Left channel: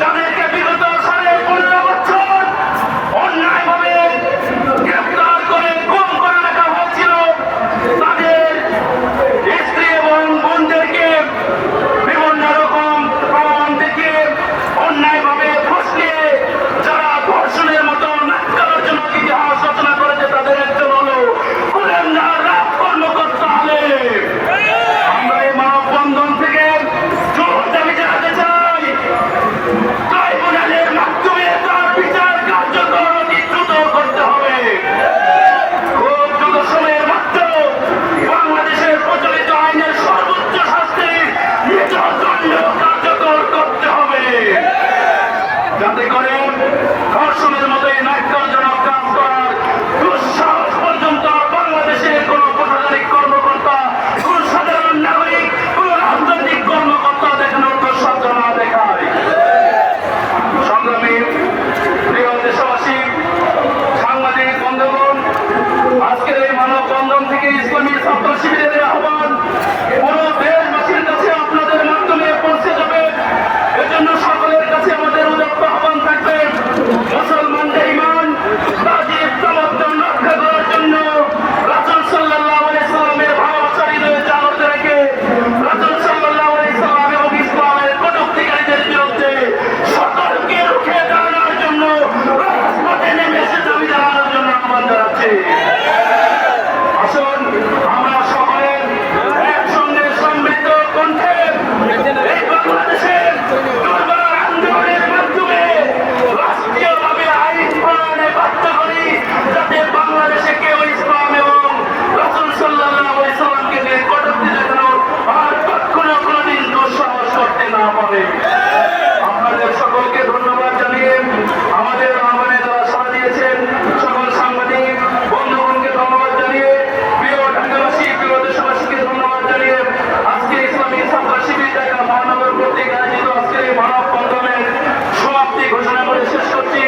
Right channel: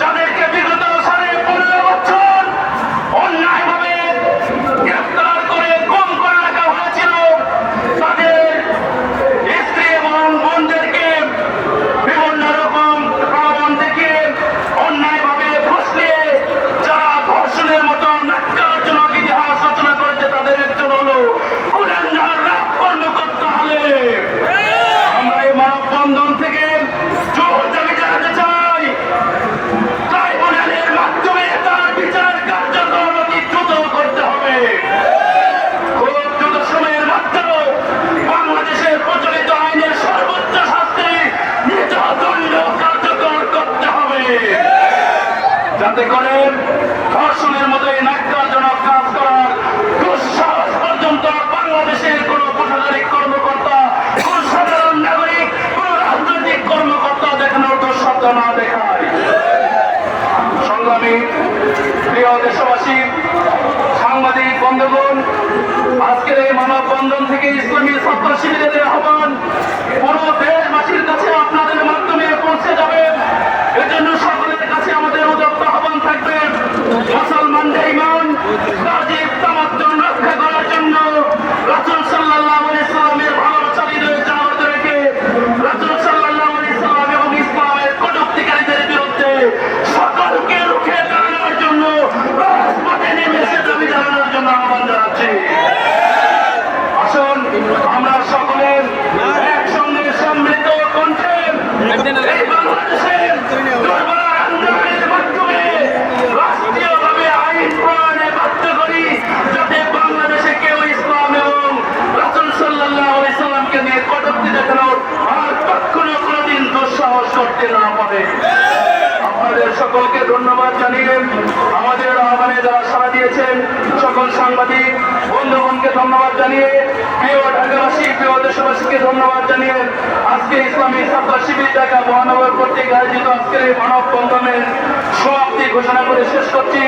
জানে যাতে করে ফসলের মতো এই নাট্যজনক কাজ করার দুঃসাহস পর্যন্ত বাংলাদেশের কোন প্রশাসনিক কর্মকর্তা, কোন সাধারণ নাগরিক, কোন রাজনৈতিক কর্মকর্তা দেখানোর দুঃসাধ্য না দেখায়। সংগ্রামী প্রিয় দেশবাসী, সাংবাদিক বন্ধুগণ, আজকের এই মানববন্ধন থেকে ইসলামী ছাত্র শিবিরের আহ্বান পারে আসুন, আমরা সকলের একসঙ্গে সমৃদ্ধ কণ্ঠের রাষ্ট্রীয়ভাবে আইন বাধ্য করি, যাতে বাংলাদেশে কেউ ইসলাম এবং রাসুল সাল্লাহ সাল্লামকে আর কখনো দেশের সবচেয়ে